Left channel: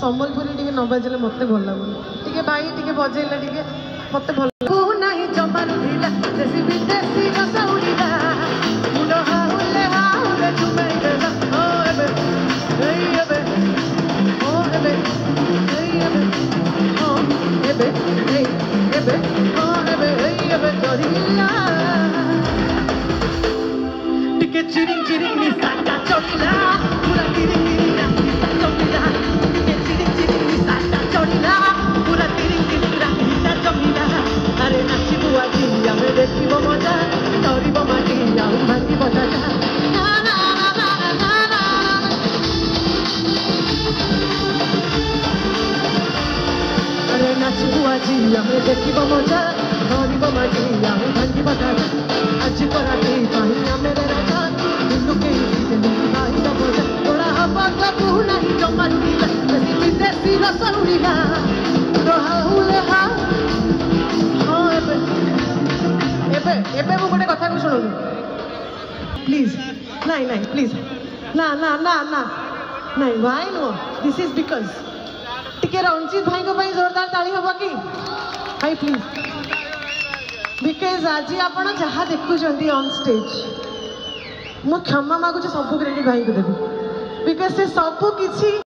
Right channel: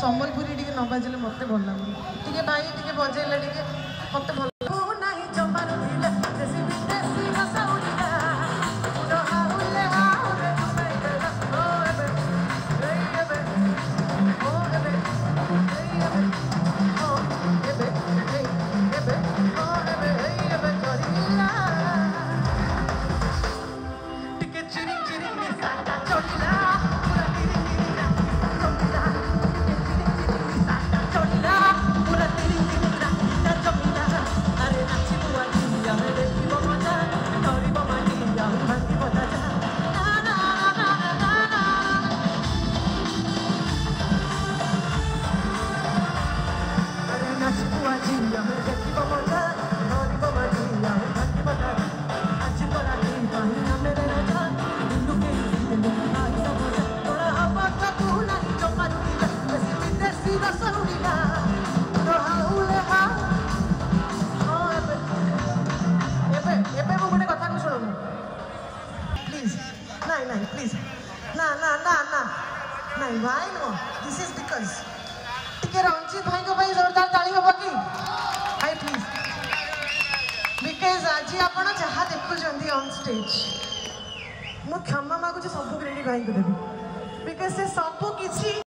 सम्बलपुरी टिके न बजले मत भल लगुन टिके भाई टिके बजेले टिके मत भल नाही जमानु ढिला देसी विदेशी जसौडीला मुना हाउले हाउले जुमै देला ओ एबे ओ एबे ओ एबे ओ एबे जरिला टिके चिरिंग चिरिंग नि साटा चोरीला पूरा चिरिंग देखिब मजा धरब माटी भांगी बता आज कराती मेरे राजा लुके बड़ा हवा बाबू नहीं जमा देसी विदेशी रसौड़ीला रहुले हाँ एबे एबे मु गोटे कथा को शुणु प्लीज नहीं नहीं प्लीज ना ना ना ना नहीं why no this is because टिके रंजीत भाई को भाई जोरदार ताली होबो की भाई प्लीज बिकॉज आज आप जहाँ देखुं ऑन स्टेज मु क्षमा मागुच सब क्रेडिट भाई को देवी बिकॉज से सब किसी